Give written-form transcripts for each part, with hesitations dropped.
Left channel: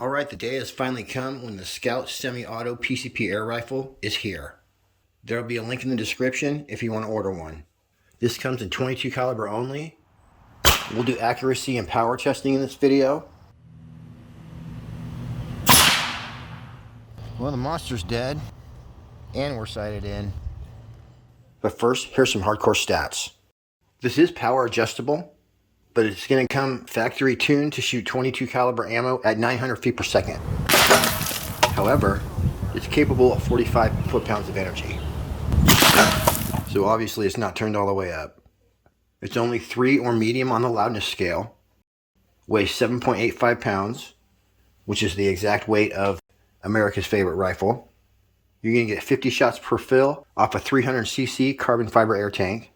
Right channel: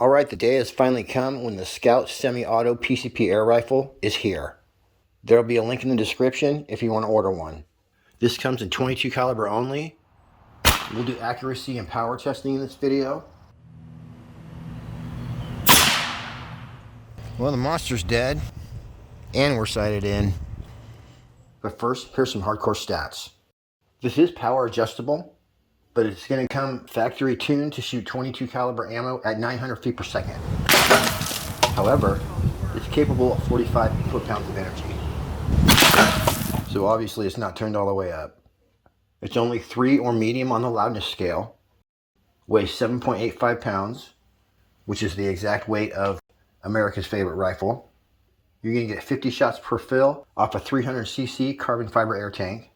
Alright, the day has finally come when the Skout semi-auto PCP air rifle is here. There will be a link in the description if you want to order one. This comes in 22 caliber only. We'll do accuracy and power testing in this video. Well, the monster's dead, and we're sighted in. But first, here's some hardcore stats. This is power adjustable, but it's going to come factory tuned to shoot 22 caliber ammo at 900 feet per second. However, it's capable of 45 foot-pounds of energy. So obviously it's not turned all the way up. It's only 3 or medium on the loudness scale, weighs 7.85 pounds, which is the exact weight of America's favorite rifle. You're going to get 50 shots per fill off a 300cc carbon fiber air tank.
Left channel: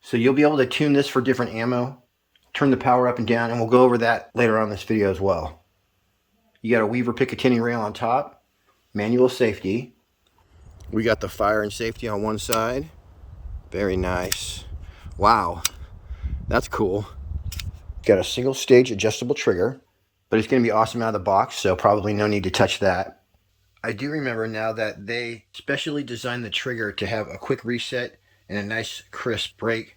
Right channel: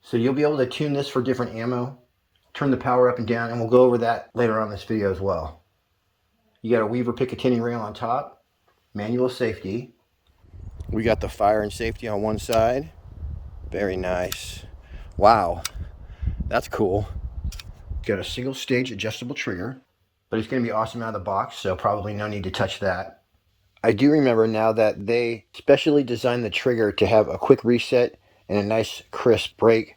So you'll be able to tune this for different ammo, turn the power up and down, and we'll go over that later on in this video as well. You got a Weaver Picatinny rail on top, manual safety. We got the fire and safety on one side. Very nice. Wow, that's cool. Got a single stage adjustable trigger, but it's going to be awesome out of the box, so probably no need to touch that. I do remember now that they specially designed the trigger to have a quick reset and a nice crisp break.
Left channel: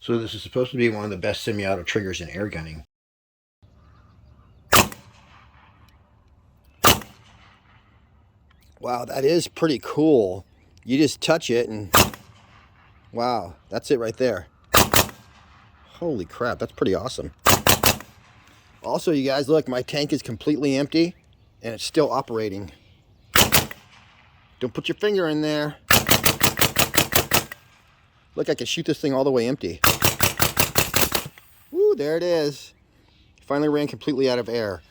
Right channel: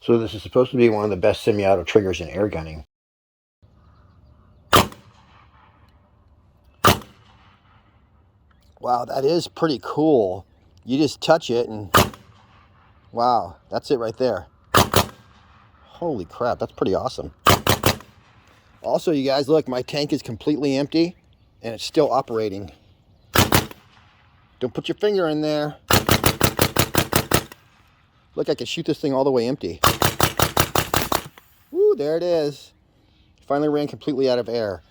So this is supposed to be one of the best semi-auto triggers in air gunning. Wow, that is pretty cool. You just touch it and wow, that's it right there. Holy crap, that's pretty awesome. Also, you guys, look, my tank is completely empty and it's still operating. Don't put your finger in there. Look, I can shoot this thing all the way empty. Woo, there it is. Finally ran completely out of air.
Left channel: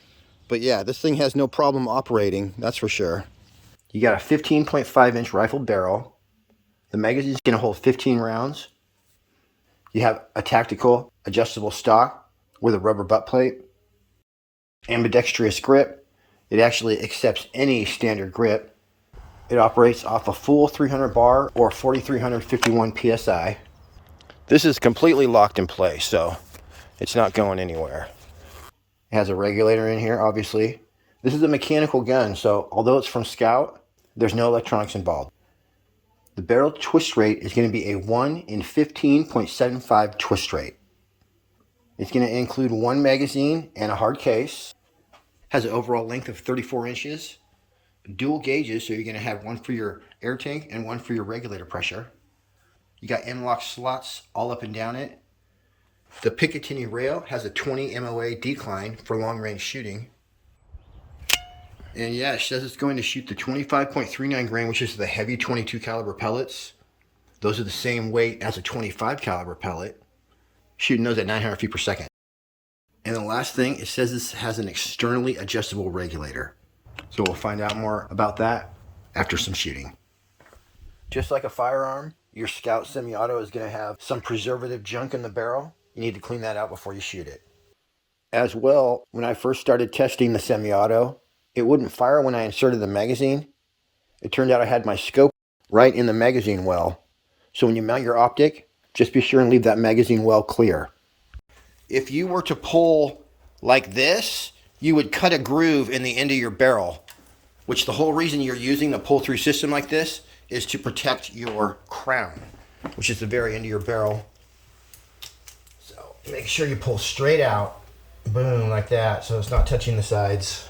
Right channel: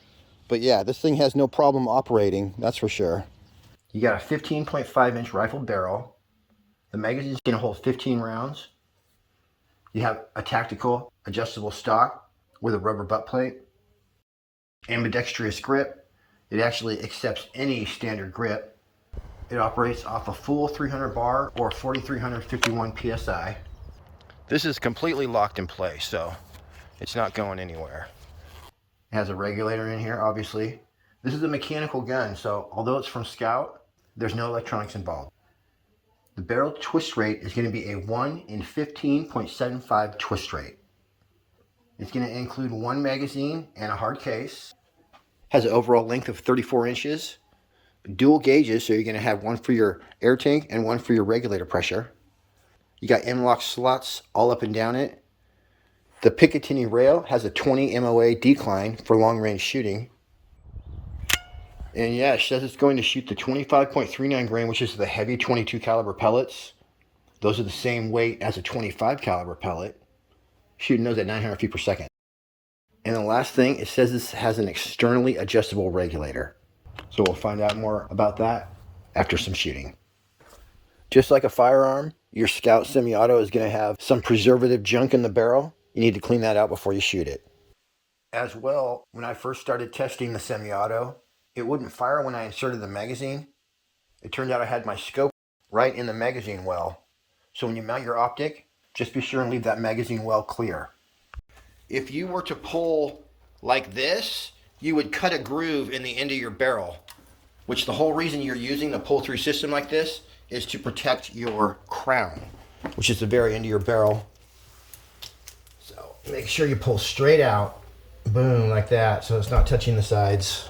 But yeah, this thing has no problem operating, that's for sure. You got a 15.5 inch rifle barrel. The magazine is going to hold 15 rounds. You have a tactical adjustable stock with a rubber butt plate. Ambidextrous grip. It actually accepts any standard grip. It operates off a full 300 bar or 4,351 PSI. This is completely locked in place, so it's not going anywhere. It has a regulator in here, obviously. This is a mechanical gun, so although it's from Skout, there's no electronics involved. The barrel twist rate is going to be a 1 in 15.75 twist rate. It's going to include one magazine and a hard case. Has an overall length of 34 inches. Dual gauges, so you're going to have one for your air tank and one for your regulator pressure. You got M-LOK slots all up and down it. The Picatinny rail has a 20 MOA decline for long-range shooting. And yeah, it says it's going to shoot the 25.39 grain, which is the heavy 22 caliber pellets. Those are the same weight as a 25 caliber pellet. Shooting those at 900 feet per second. And the last thing, it says this has an externally adjustable regulator. So we'll find out more about that after some shooting. Just like a firearm, your Skout semi-auto is going to have some preservative junk in the barrel. You need to clean that out before you shoot it. As well, when I first started testing the semi-auto, it wouldn't fire when I inserted the magazine. It turned out I had my scope right in the magazine well. So when you mount your optic, just be sure and leave that magazine well clear. If you were to pull like this, you would cut a groove in the end of your barrel, which the whole reason you're using the pull-through system like this is to protect your crown, which is the very end of your barrel. So make sure you pull straight out, boom, like that, so it's not touching the sides.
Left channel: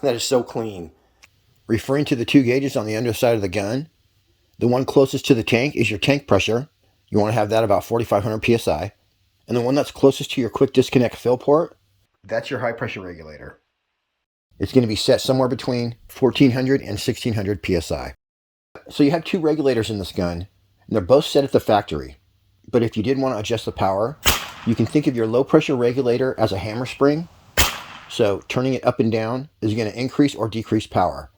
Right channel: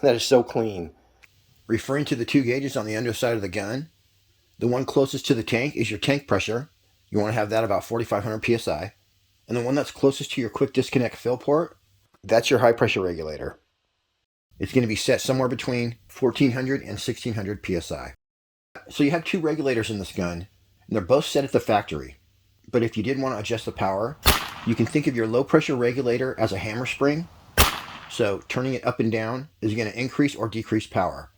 That is so clean. Referring to the two gauges on the underside of the gun, the one closest to the tank is your tank pressure. You want to have that about 4,500 PSI. And the one that's closest to your quick disconnect fill port, that's your high pressure regulator. It's going to be set somewhere between 1,400 and 1,600 PSI. So you have two regulators in this gun, and they're both set at the factory. But if you did want to adjust the power, you can think of your low pressure regulator as a hammer spring. So turning it up and down is going to increase or decrease power.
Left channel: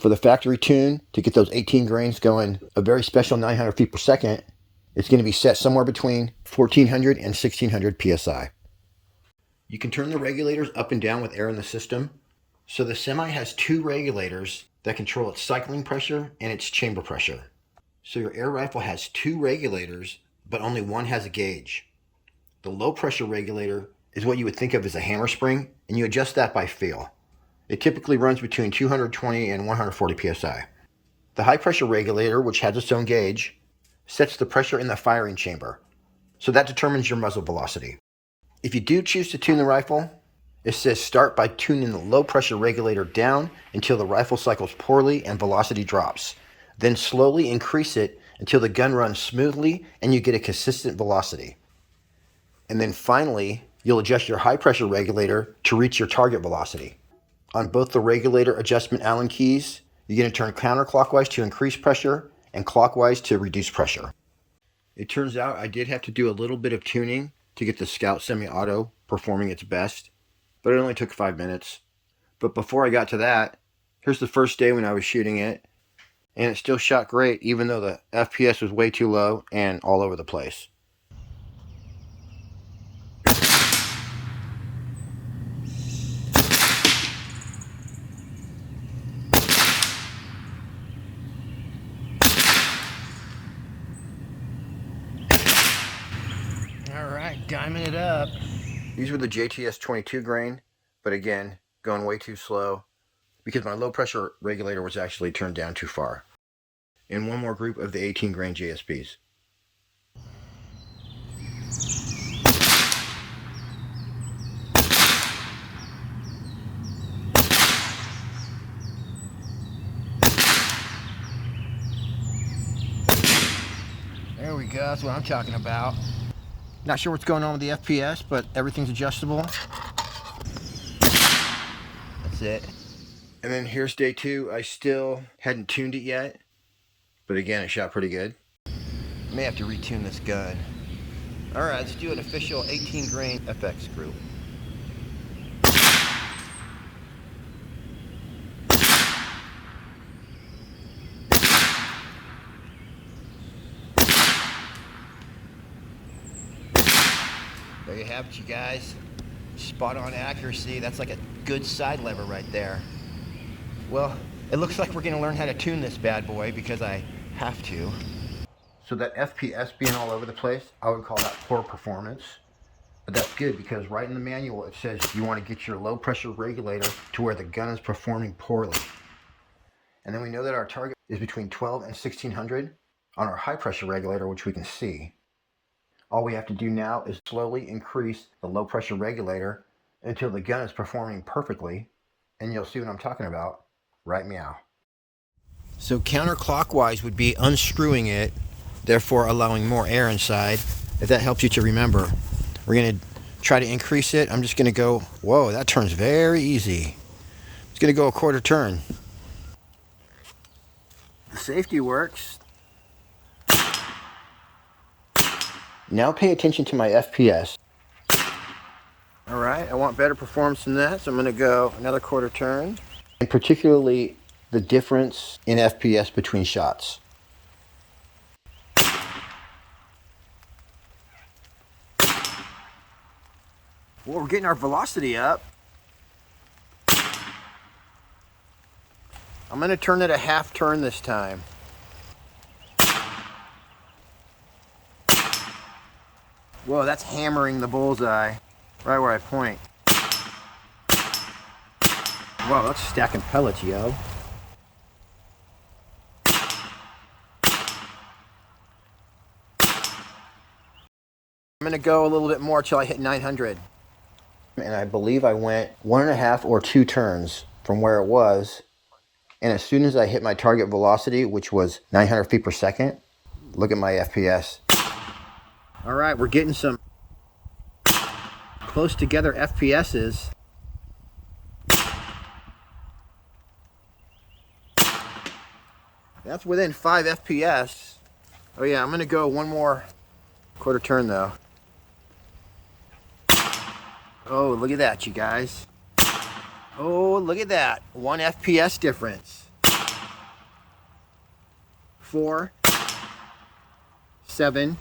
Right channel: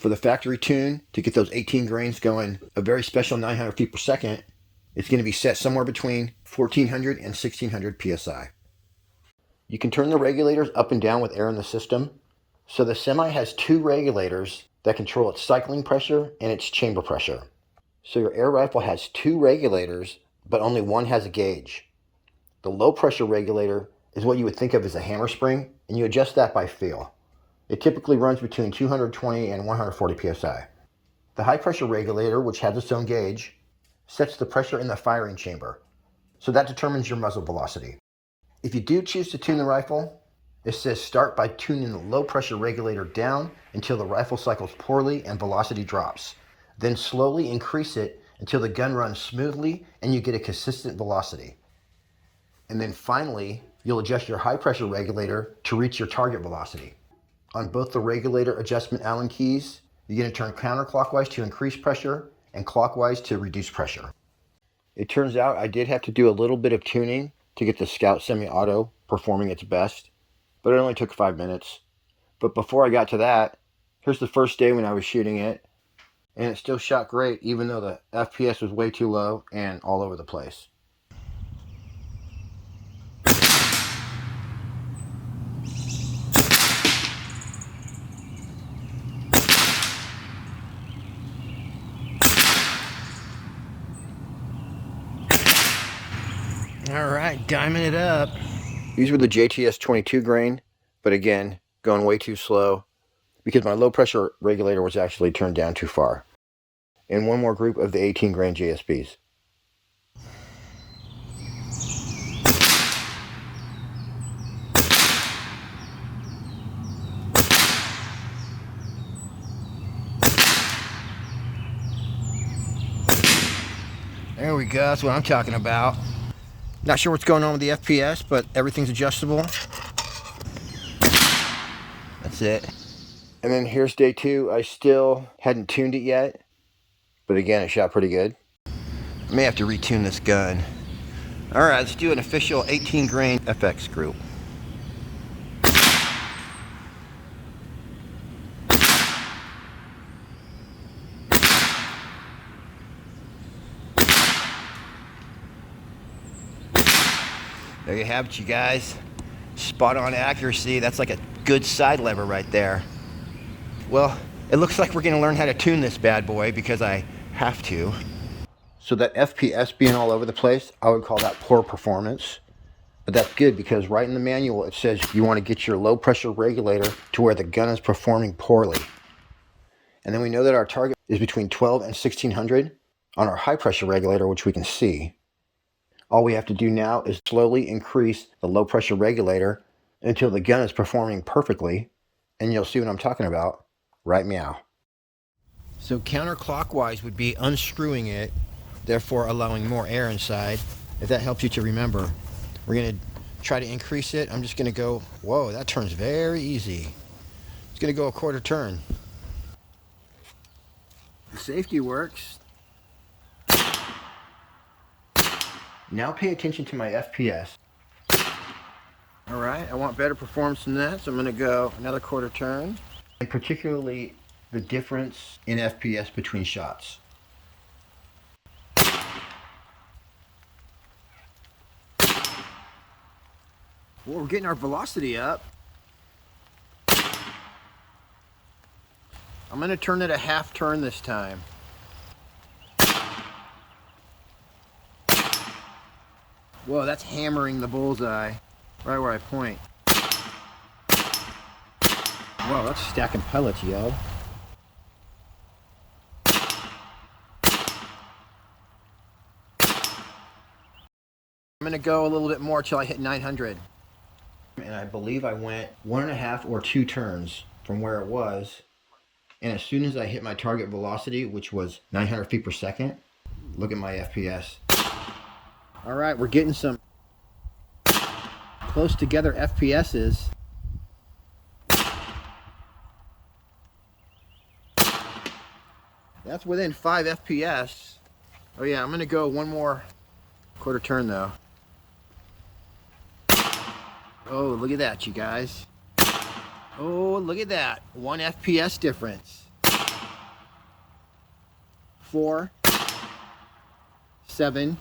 For the factory tune, to get those 18 grains going a very special 900 feet per second, it's going to be set somewhere between 1,400 and 1,600 PSI. You can turn the regulators up and down with air in the system. So the Semi has two regulators that control its cycling pressure and its chamber pressure. So your air rifle has two regulators, but only one has a gauge. The low pressure regulator is what you would think of as a hammer spring, and you adjust that by feel. It typically runs between 220 and 140 psi. The high pressure regulator, which has its own gauge, sets the pressure in the firing chamber, so that determines your muzzle velocity. If you do choose to tune the rifle, it says start by tuning the low pressure regulator down until the rifle cycles poorly and velocity drops. Then slowly increase it until the gun runs smoothly and you get a consistent velocity. And then finally, you'll adjust your high pressure regulator to reach your target velocity. On both the regulator adjustment Allen keys, you're going to turn counterclockwise to increase pressure and clockwise to reduce pressure. It turns out I did have to do a little bit of tuning to get the Skout semi-auto performing its best, but it only took 5 minutes. But before I got to that, here's the first day when I was shooting it, and it still shot great even though the FPS was way too low and all over the place. Alright, diming it up. These were the JTS 22 grain, but again, going way too slow because my low pressure regulator was actually turned down too far. And one more group of the 18 grain JSPs. There we go, that's what I'm talking about. Not sure what's going on with the FPS, but everything's adjustable. That's it. And then here's day 2. I still hadn't tuned it yet, but again, it shot pretty good. I may have to retune this gun. All right, let's do an official 18 grain FX group. There you have it, you guys. Spot on accuracy. That's like a good side lever right there. Well, it looks like we're gonna learn how to tune this bad boy because I have to. So that FPS being all over the place, I would call that poor performance. But that's good because right in the manual it says you want to get your low pressure regulator to where the gun is performing poorly. And then we know that our target is between 12 and 1600 on our high pressure regulator, which we can see. All we have to do now is slowly increase the low pressure regulator until the gun is performing perfectly, and you'll see what I'm talking about. Right meow. So counterclockwise would be unscrewing it, therefore allowing more air inside, if that helps you to remember. We're going to try to increase it. I'm just going to go, whoa, that turns very easy. It's going to go a quarter turn. The safety works. Now pay attention to my FPS. All right, I want better performance than that, so I'm going to go another quarter turn. And particularly the difference in FPS between shots. Well, we're getting our velocity up. I'm going to turn it a half turn this time. Whoa, that's hammering the bullseye right where I point. Whoa, that's stacking pellets, yo. I'm gonna go a little bit more till I hit 900. And I believe I went 1.5 or 2 turns from where it was. And as soon as I hit my target velocity, which was 900 feet per second, look at my FPS. All right, we're getting some close together FPSs. That's within 5 FPS. Oh yeah, I'm gonna go one more quarter turn though. Oh, look at that, you guys. Oh, look at that. 1 FPS difference. 4, 7.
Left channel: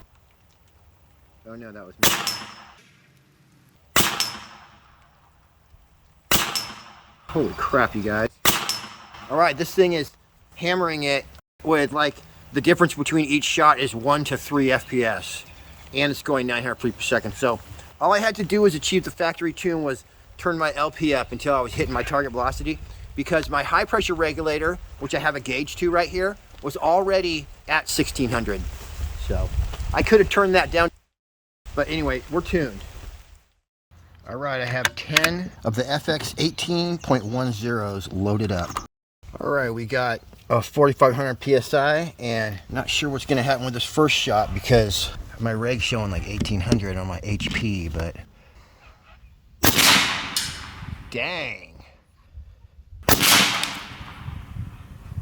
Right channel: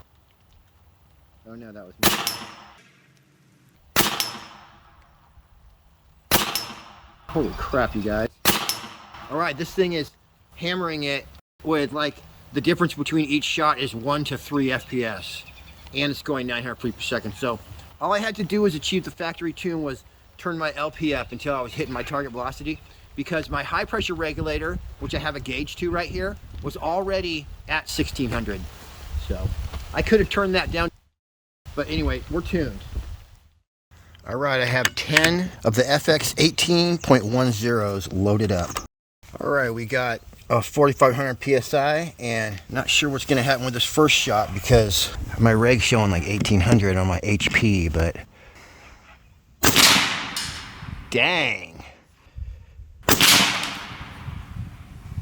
Oh no, that was me. Holy crap, you guys. All right, this thing is hammering it with like the difference between each shot is 1 to 3 FPS. And it's going 900 feet per second. So All I had to do was achieve the factory tune was turn my LP up until I was hitting my target velocity, because my high pressure regulator, which I have a gauge to right here, was already at 1600. So I could have turned that down, but anyway, we're tuned. All right, I have 10 of the FX 18.10s loaded up. All right, we got a 4,500 PSI, and not sure what's gonna happen with this first shot because my reg's showing like 1,800 on my HP, but dang.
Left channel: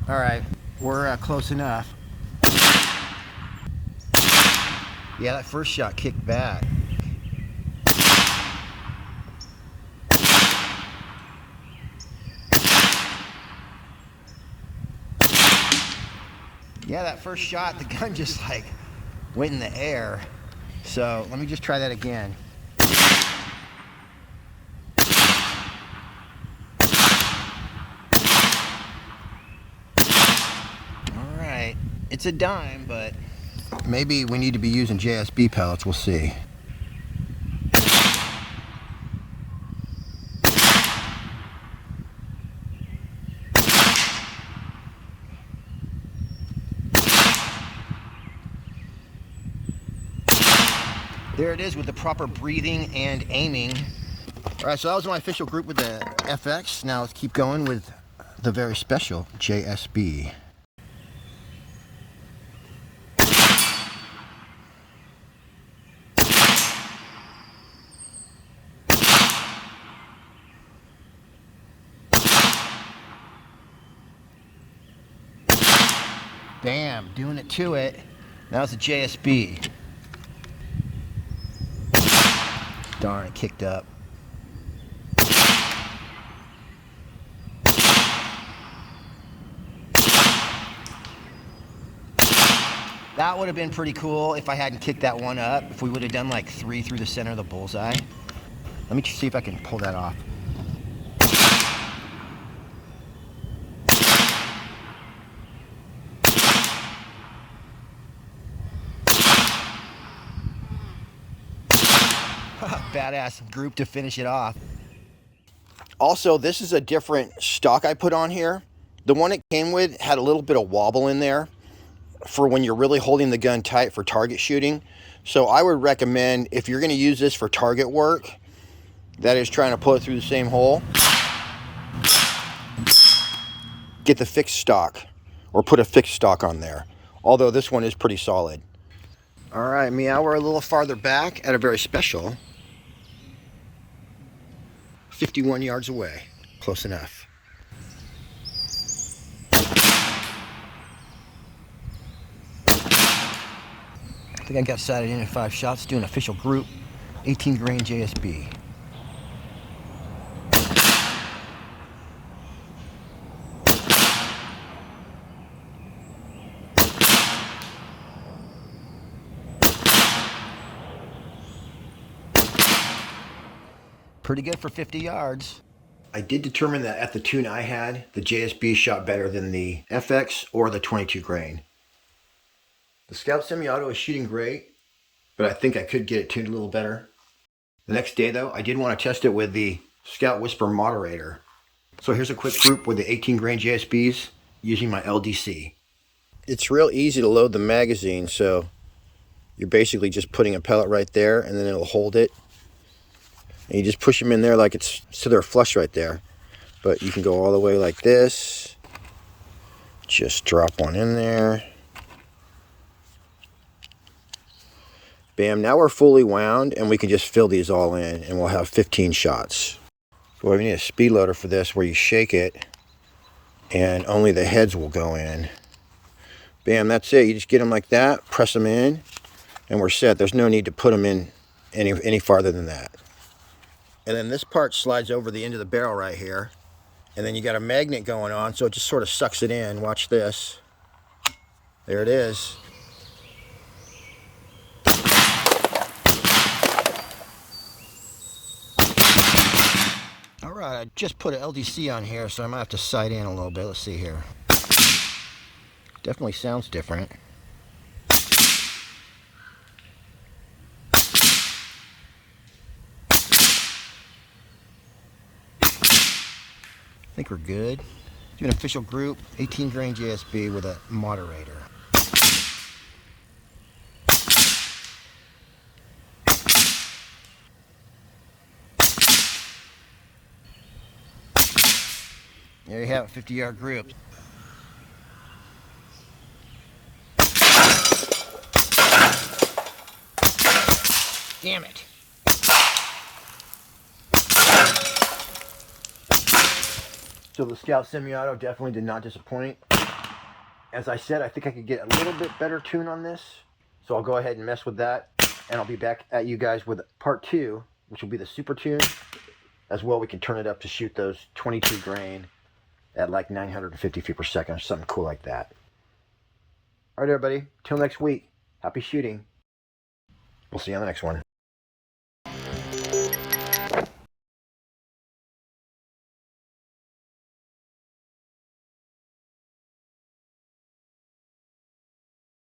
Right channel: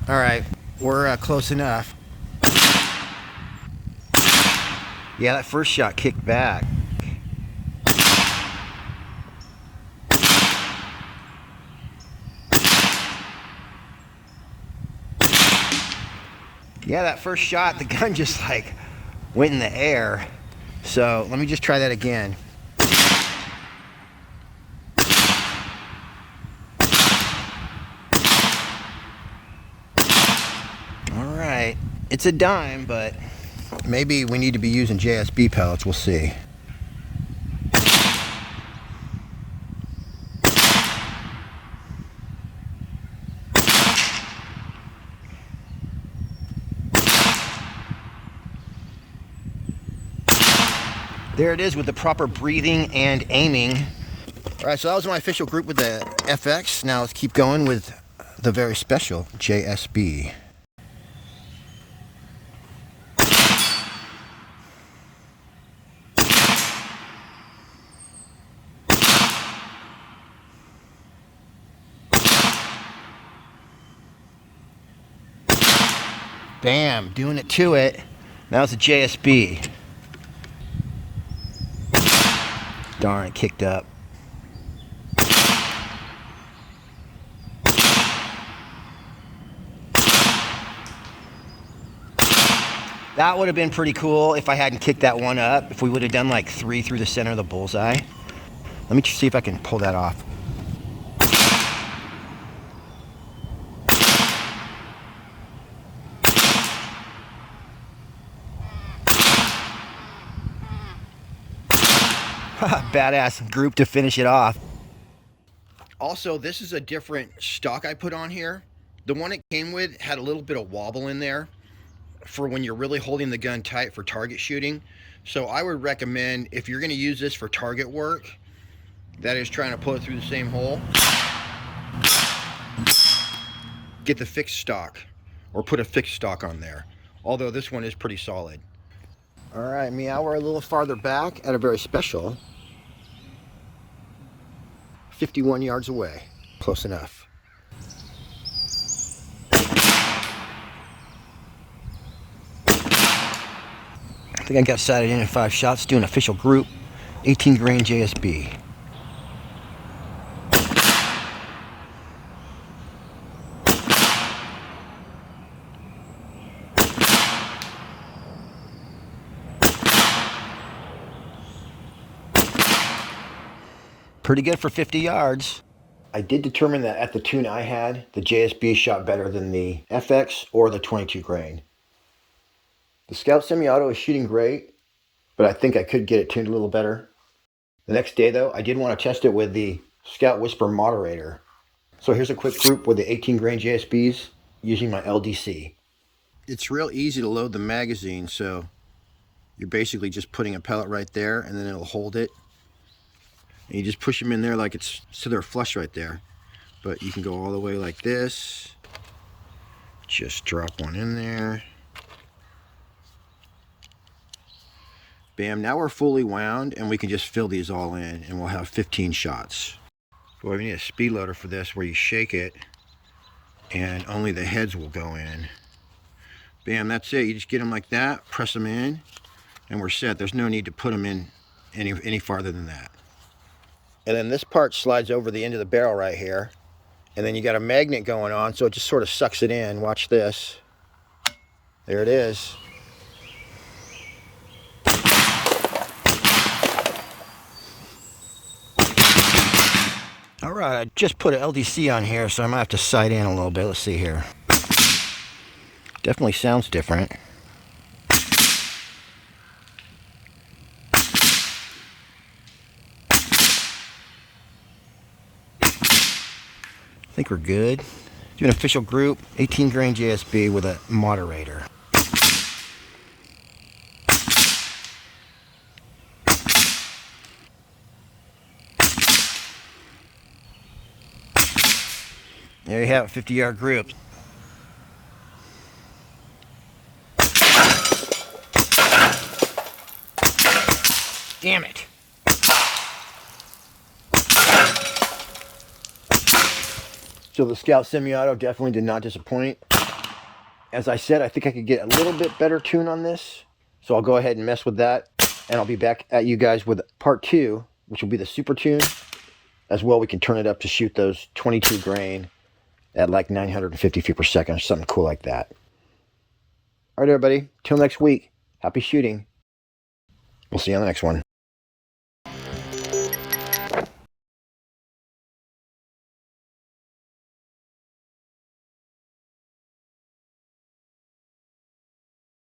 All right, we're close enough. Yeah, that first shot kicked back. Yeah, that first shot, the gun just like went in the air. So let me just try that again. All right, it's a dime, but maybe we need to be using JSB pellets, we'll see. There it is with the proper breathing and aiming. All right, so that was my official group with the FX. Now let's keep going with the very special JSB. Bam, doing it to it. Now it's a JSB. Darn, it kicked up. That would have been pretty cool if I hadn't kicked that one up. If we would have done like 3 through the center of the bullseye. Let me see if I can pull that off. Badass group to finish it off. Also, this is a different stock I put on here. The one it came with had a little bit of wobble in there for when you're really holding the gun tight for target shooting. So I would recommend, if you're going to use this for target work, that is trying to pull it through the same hole, get the fixed stock or put a fixed stock on there. Although this one is pretty solid. All right, meow, we're a little farther back at a very special 51 yards away. Close enough. I think I got sighted in 5 shots, doing official group, 18 grain JSB. Pretty good for 50 yards. I did determine that at the tune I had, the JSB shot better than the FX or the 22 grain. The Skout semi-auto is shooting great, but I think I could get it tuned a little better. The next day though, I did want to test it with the Skout Whisper moderator. So here's a quick group with the 18 grain JSBs using my LDC. It's real easy to load the magazine, so you're basically just putting a pellet right there and then it'll hold it. And you just push them in there like it's so they're flush right there. But you can go all the way like this. Just drop one in there. Bam, now we're fully wound and we can just fill these all in and we'll have 15 shots. Well, we need a speed loader for this where you shake it and only the heads will go in. Bam, that's it. You just get them like that, press them in, and we're set. There's no need to put them in any farther than that. And then this part slides over the end of the barrel right here. And then you got a magnet going on, so it just sort of sucks it in. Watch this. There it is. All right, I just put an LDC on here, so I might have to sight in a little bit. Let's see here. Definitely sounds different. think we're good. Do an official group, 18 grain JSB with a moderator. There you have it, 50-yard group. Damn it. So the Skout semi-auto definitely did not disappoint. As I said, I think I could get a little bit better tune on this. So I'll go ahead and mess with that. And I'll be back at you guys with part 2, which will be the super tune. As well, we can turn it up to shoot those 22 grain at like 950 feet per second or something cool like that. All right, everybody. Till next week. Happy shooting. We'll see you on the next one.